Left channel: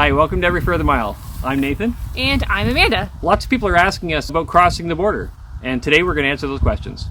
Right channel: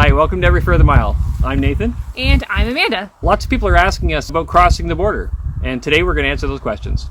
Hi, welcome to Every Further Mile. I'm Nathan. And I'm Amanda. Lots of people are asking us about crossing the border, and today we're going to answer those questions.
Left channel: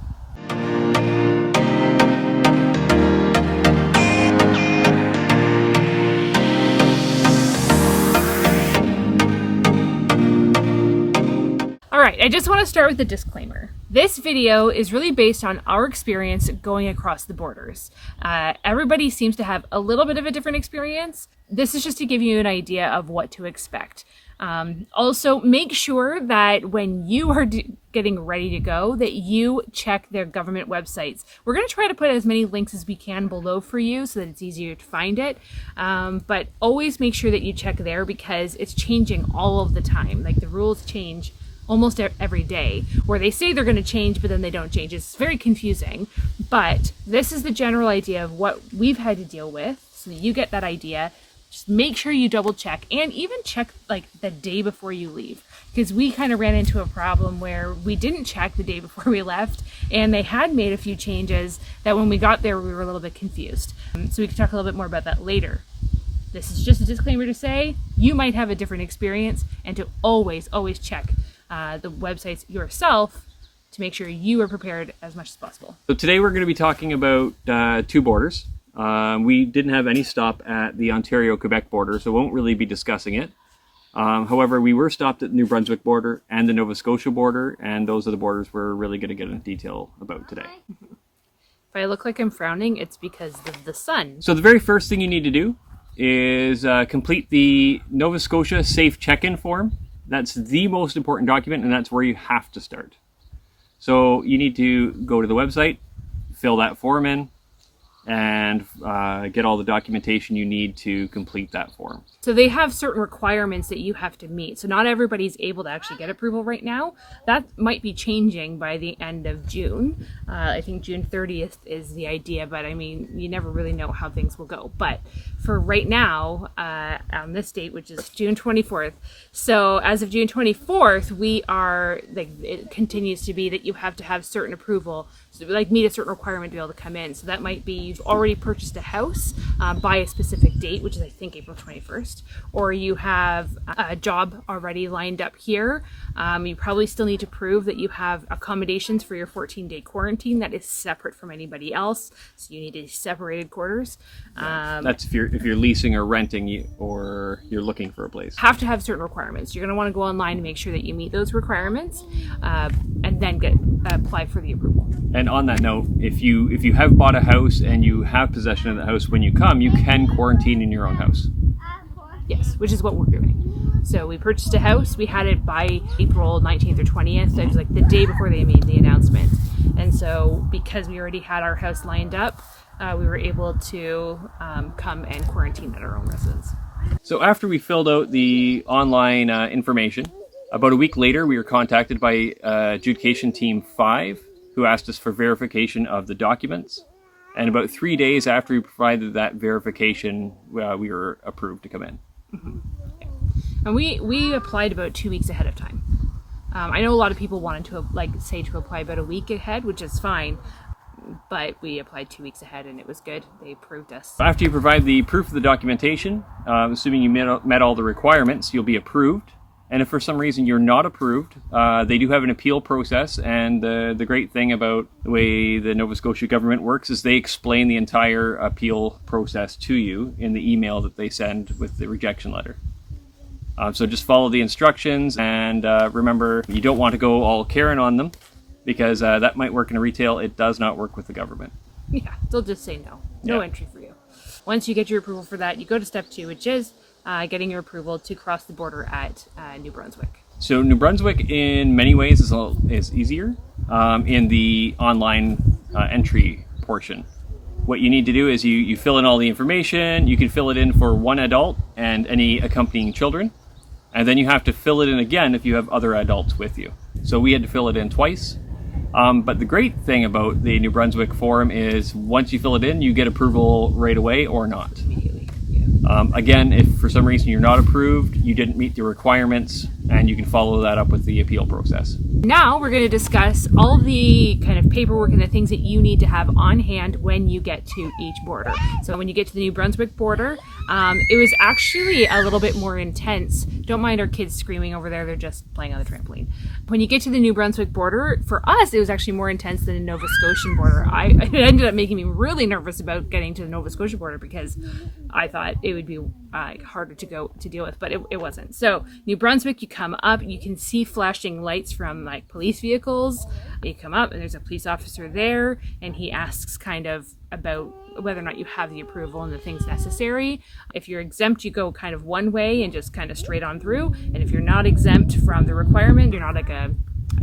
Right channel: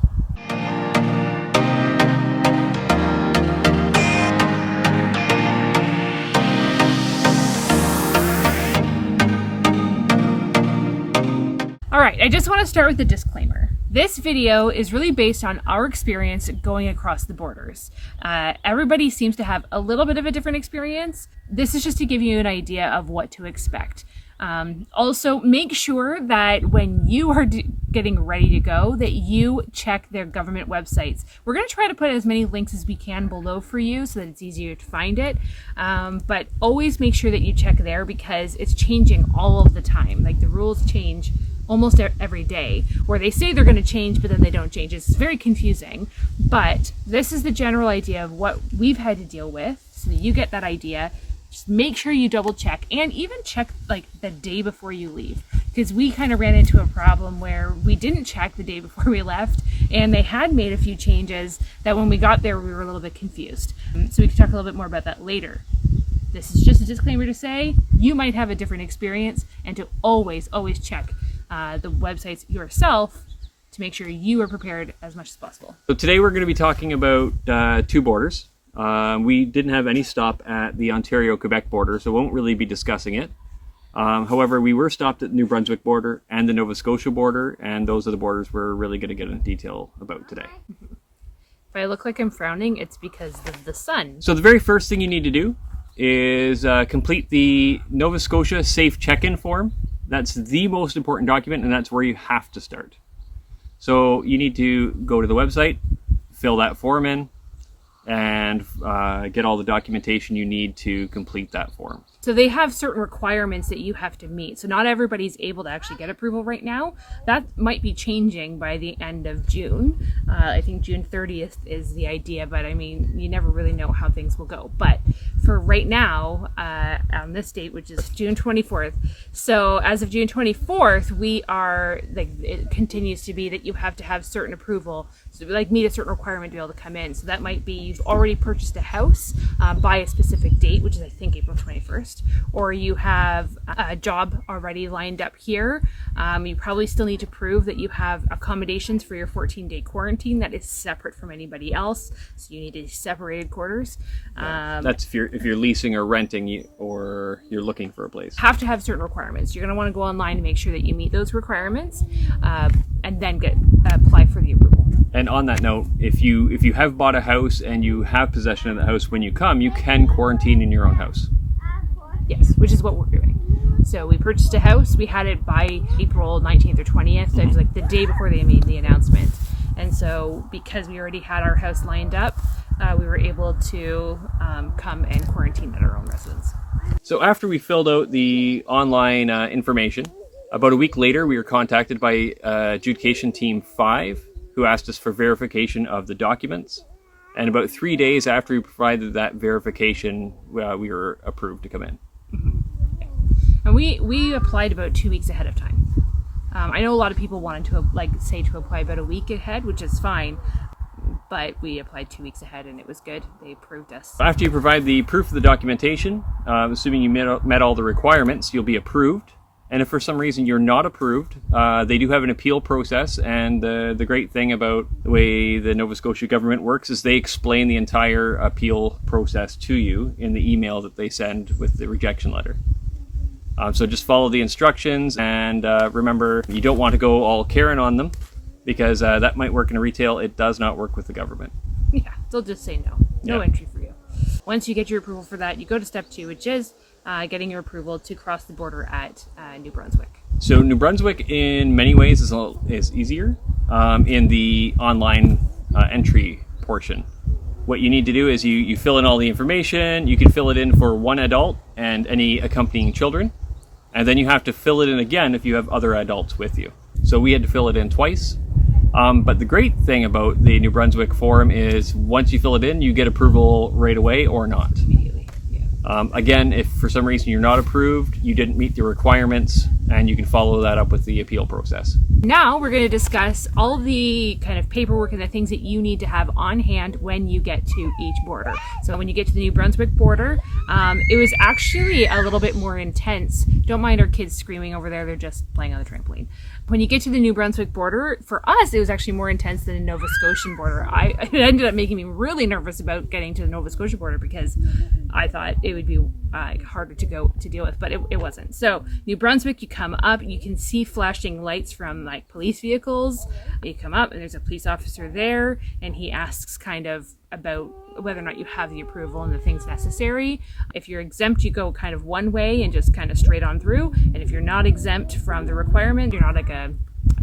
Alright, I just want to start with a disclaimer. This video is really based on our experience going across the borders. Everybody seems to have a little bit of a different experience. This is just to give you an idea of what to expect. Also, make sure that when you are getting ready to go, that you check their government websites. We're going to try to put as many links as we can below for you so that it's easier to find it. But always make sure that you check there because it's changing all of the time. Like the rules change almost every day, where they say they're going to change, but then they don't change. It's very confusing, but this is the general idea of what we've had to deal with, so that you get that idea. Just make sure you double check, and even check like the day before you leave, because we kind of ran into a problem where we didn't check the day before we left, and they had made a few changes that when we got there, we were a little bit confused. So we can talk a little bit more about that later. This is just a disclaimer to say you might have a different experience, and to always check the websites yourself to make sure you are prepared as much as possible. So today we're going to be talking about two borders. We didn't have any stop at the Ontario-Quebec border, so won't really be discussing it. However, we were stopped at the New Brunswick border and the Nova Scotia border, and those are the borders we're really going to get into detail about today. If I look like I'm frowning, it's because of the sun. So the very first thing you need to do is complete the Nova Scotia Safe Check-in form. That's the most important document, and that's where you have to start. So you need to go to the website, fill that form in, and get all the documentation you need to complete that form. So they have certain requirements that you have to meet. So not everybody's able to actually get approval right now. That might be changing by the end of June. I think June 30th is the idea, but I mean, you never really know how things will go. But for right now, on this date, which is June 24th. So as of June 24th, we are, like, it continues to be that you have to have certain approval, so like meet a certain requirement to be able to come in. So that might be you've already purchased a house by a specific date, which is I think April 21st, or you have a job already lined up here. You probably still need to prove that you have accommodations for your 14-day quarantine that is separate from anybody else. So you need a separated quarters. That's if you're leasing or renting or you're looking for a place. Have to have certain requirements. You're going to want to go online to make sure that you meet those requirements, and then apply for the approval. And on that note, if you have bought a house and you have possession of the house when you come, you can quarantine in your own house. Yes, which is what we're doing. So we purchased a house. We had it by April 19th or 20th. That was like the day before they made the announcement. And so because we already had our house lined up, we were able to come and quarantine at our own residence. So after we filled out the online information, about a week later, we were contacted by Adjudication Team 5, who asked us for verification of the documents. And about 3 days after we provided that verification, we were approved to come in. Mm-hmm. And we applied about 2 weeks ahead of time. I know a lot of people wanted to apply about a week ahead, which is fine. But we applied 2 weeks ahead and it was good. They approved us. After you provide the proof of the documentation, assuming you met all the requirements, you'll be approved. And if for some reason you're not approved, they do have an appeal process. And the great thing about the way the Nova Scotia government works is they explain the entire appeal process to you in the email that they send with the rejection letter. So just follow the instructions, and remember, you don't want to go all Karen on them, because that might work in retail. It does not work with the government. Yeah, they'll just say no. No entry for you. Once you get your approval for that, you go to step 2, which is getting your approval to cross the border at New Brunswick. So New Brunswick, in many ways, is easier in the online entry portion. What you need to do is you fill in all the information. You can fill it in for one adult and any accompanying children. And then you have to fill it in again if you have other adults with you. So we had to fill it in twice. But the great thing about the New Brunswick form is once you fill it in, you get approval right away or not. Immediately, yeah. Again, if for some reason you're not approved, you didn't meet the requirements, and you can follow that up with the appeal process. Now we're going to discuss all the kind of paperwork and the things that you need to have on hand when you get to each border. So when you get to the New Brunswick border, It was actually a little bit more intense. Don't mind our kids screaming over there. They're just playing on the trampoline. When you get to the New Brunswick border, for us, it was actually more intense than the Nova Scotian border. It ended up making me really nervous about getting to the Nova Scotia border because I thought it would be harder to deal with, but it wasn't. So New Brunswick, you come up, you can see flashing lights from like police vehicles. You come up and there's a police officer there, and he asks kind of about whether or not you have the approval and the things necessary. If you're exempt, you go kind of one way and just kind of straight on through. And if you're not exempt from the requirement, you're not like a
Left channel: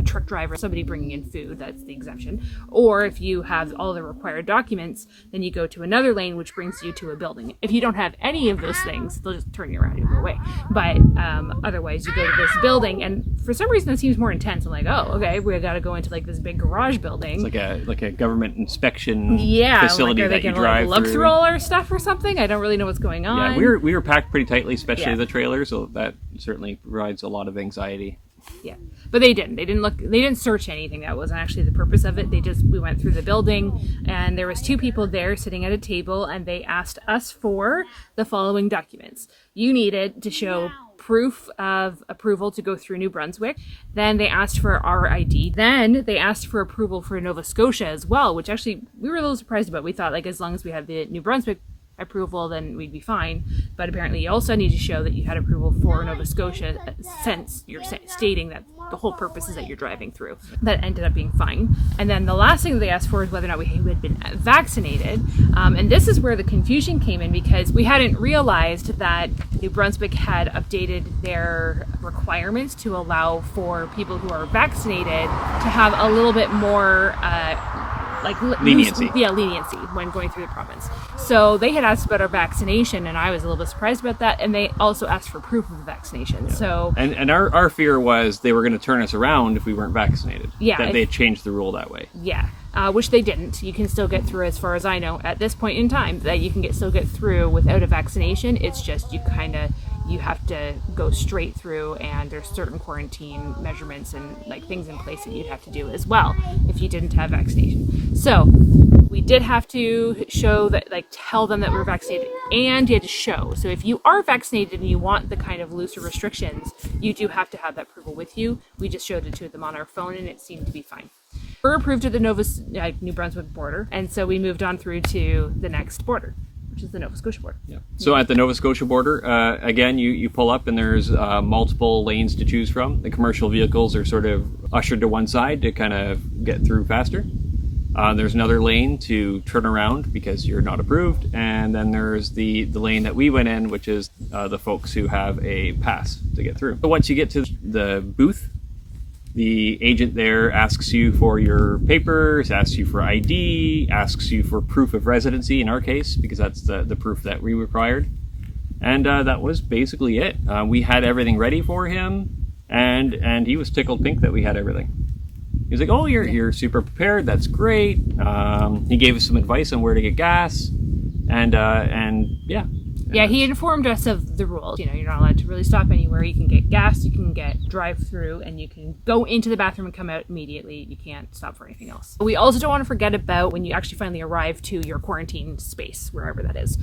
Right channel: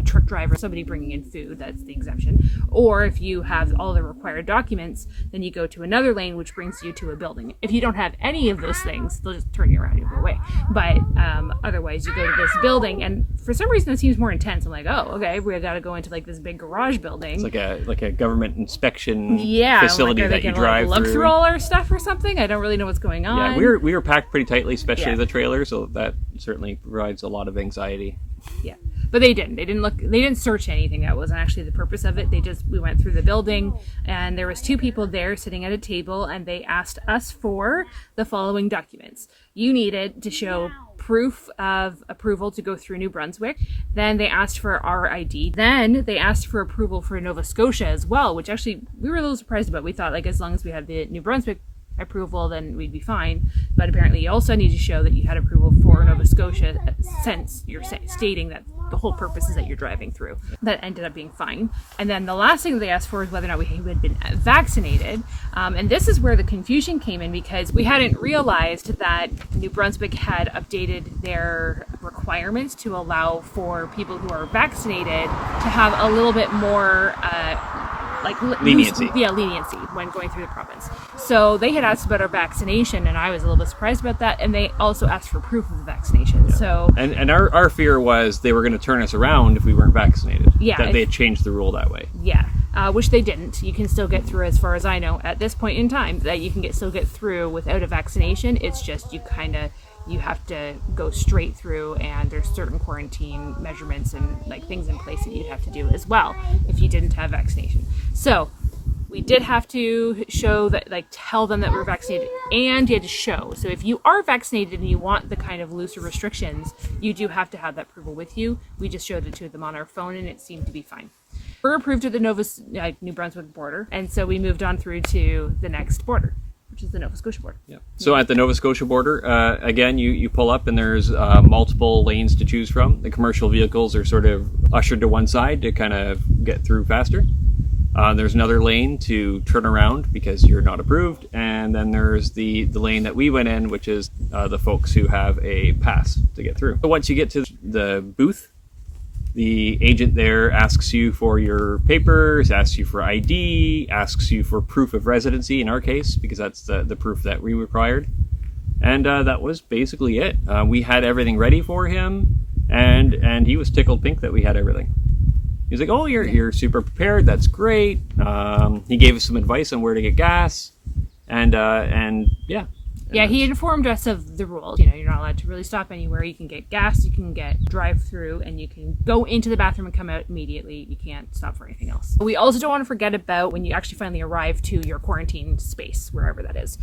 truck driver, somebody bringing in food, that's the exemption. Or if you have all the required documents, then you go to another lane, which brings you to a building. If you don't have any of those things, they'll just turn you around and go away. But otherwise, you go to this building, and for some reason, it seems more intense. I'm like, oh, okay, we got to go into like this big garage building. It's like a government inspection facility facility that you drive look through. through all our stuff or something. I don't really know what's going on. Yeah, we were packed pretty tightly, especially the trailer, so that certainly provides a lot of anxiety. Yeah. But they didn't search anything. That wasn't actually the purpose of it. We went through the building, and there was two people there sitting at a table, and they asked us for the following documents. You needed to show proof of approval to go through New Brunswick. Then they asked for our ID. Then they asked for approval for Nova Scotia as well, which actually we were a little surprised about. We thought like as long as we had the New Brunswick approval, then we'd be fine. But apparently you also need to show that you had approval for Nova Scotia since you're stating that the whole purpose is that you're driving through. That ended up being fine. And then the last thing that they asked for is whether or not we had been vaccinated. And this is where the confusion came in because we hadn't realized that New Brunswick had updated their requirements to allow for people who are vaccinated to have a little bit more leniency. Leniency when going through the province. So they had asked about our vaccination, and I was a little bit surprised about that. And they also asked for proof of the vaccination. Yeah. So and our fear was they were going to turn us around if we weren't vaccinated. Yeah, that they had changed the rule that way. Yeah, which they didn't. You can still get through, as far as I know, at this point in time. That you can still get through without a vaccination. It's just you have to go straight through, and there's certain quarantine measurements and like things in place that you'd have to do as well if you didn't have vaccination. So we did have to show that, like tell them that we're vaccinated, and you had to show. So if you are vaccinated and you want the kind of looser restrictions, you do have to have that approval with you. We just showed it to them on our phone, and it seemed to be fine. We're approved at the New Brunswick border, and so we moved on through to the next border, which is the Nova Scotia border. Yeah. So at the Nova Scotia border, again, you pull up and there's multiple lanes to choose from. The commercial vehicles are sort of ushered to one side to kind of get through faster. There's another lane to turn around because you're not approved. And then there's the lane that we went in, which is the folks who have a pass to get through. So once you get to the booth, the agent there asks you for your papers, asks you for ID, asks you for proof of residency in our case, because that's the proof that we required. And that was basically it. We had everything ready for him, and he was tickled pink that we had everything. He was like, oh, you're super prepared, that's great. He gave us some advice on where to get gas, and yeah. Yeah, he informed us of the rules. You're not allowed to really stop anywhere. You can get gas, you can get drive-through, and you can go into the bathroom and come out immediately. You can't stop for anything else. We also don't want to forget about when you actually finally arrive to your quarantine space, wherever that is.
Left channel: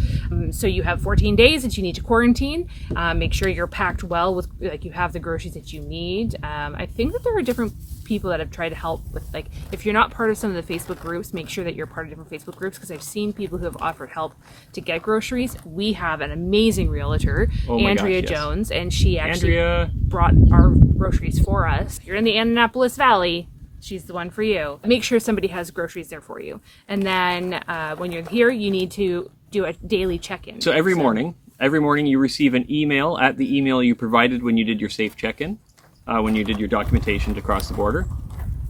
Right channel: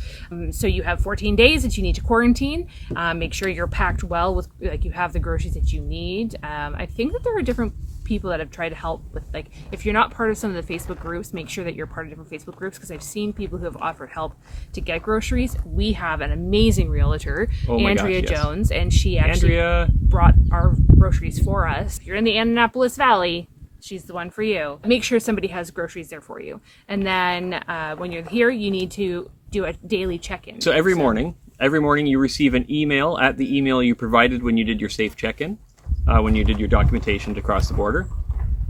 So you have 14 days that you need to quarantine. Make sure you're packed well with, you have the groceries that you need. I think that there are different people that have tried to help with, if you're not part of some of the Facebook groups, make sure that you're part of different Facebook groups, because I've seen people who have offered help to get groceries. We have an amazing realtor, Andrea Jones, and she actually brought our groceries for us. If you're in the Annapolis Valley, she's the one for you. Make sure somebody has groceries there for you. And then when you're here, you need to do a daily check-in. So every morning you receive an email at the email you provided when you did your safe check-in. When you did your documentation to cross the border.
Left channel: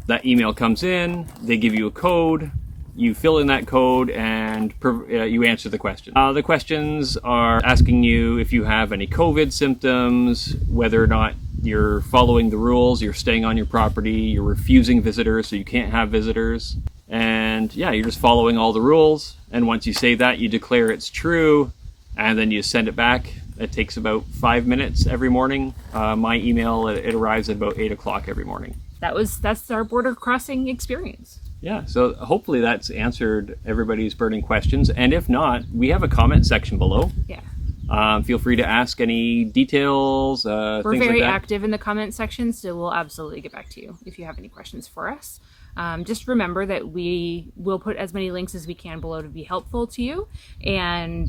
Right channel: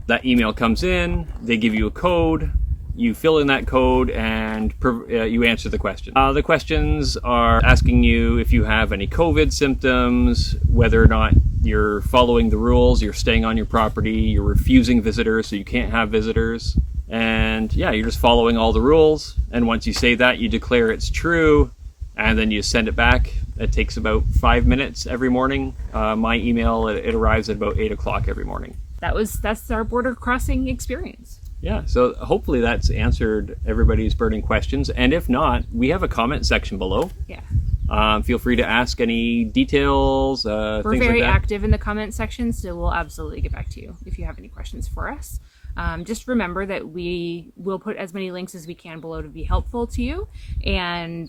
That email comes in, they give you a code, you fill in that code, and you answer the question. The questions are asking you if you have any COVID symptoms, whether or not you're following the rules, you're staying on your property, you're refusing visitors, so you can't have visitors. And yeah, you're just following all the rules. And once you say that, you declare it's true, and then you send it back. It takes about 5 minutes every morning. My email, it arrives at about 8 o'clock every morning. That's our border crossing experience. Yeah, so hopefully that's answered everybody's burning questions. And if not, we have a comment section below. Yeah. Feel free to ask any details, We're things very like that. active in the comment section, so we'll absolutely get back to you if you have any questions for us. Just remember that we will put as many links as we can below to be helpful to you, and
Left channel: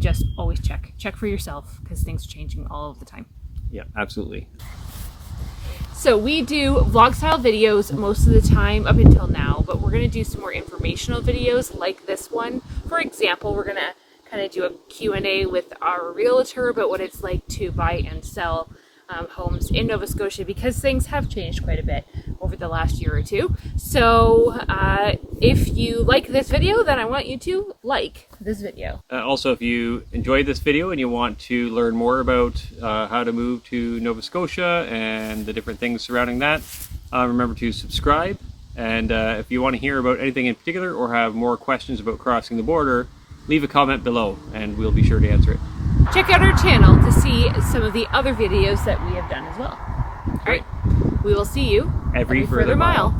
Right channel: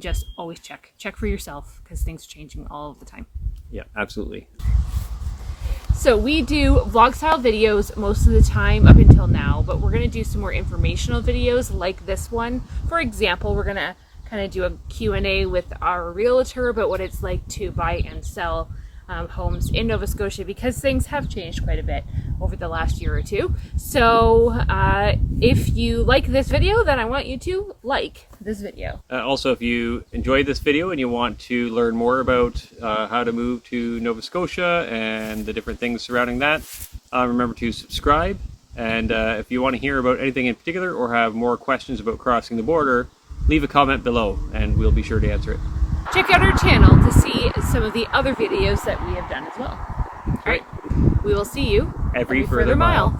just always check for yourself, because things are changing all of the time. Yeah, absolutely. So we do vlog style videos most of the time up until now, but we're going to do some more informational videos like this one. For example, we're going to kind of do a Q&A with our realtor about what it's like to buy and sell homes in Nova Scotia, because things have changed quite a bit over the last year or two. So if you like this video, then I want you to like this video. Also, if you enjoyed this video and you want to learn more about how to move to Nova Scotia and the different things surrounding that, remember to subscribe. And if you want to hear about anything in particular or have more questions about crossing the border, leave a comment below and we'll be sure to answer it. Check out our channel to see some of the other videos that we have done as well. All right. We will see you Every further mile.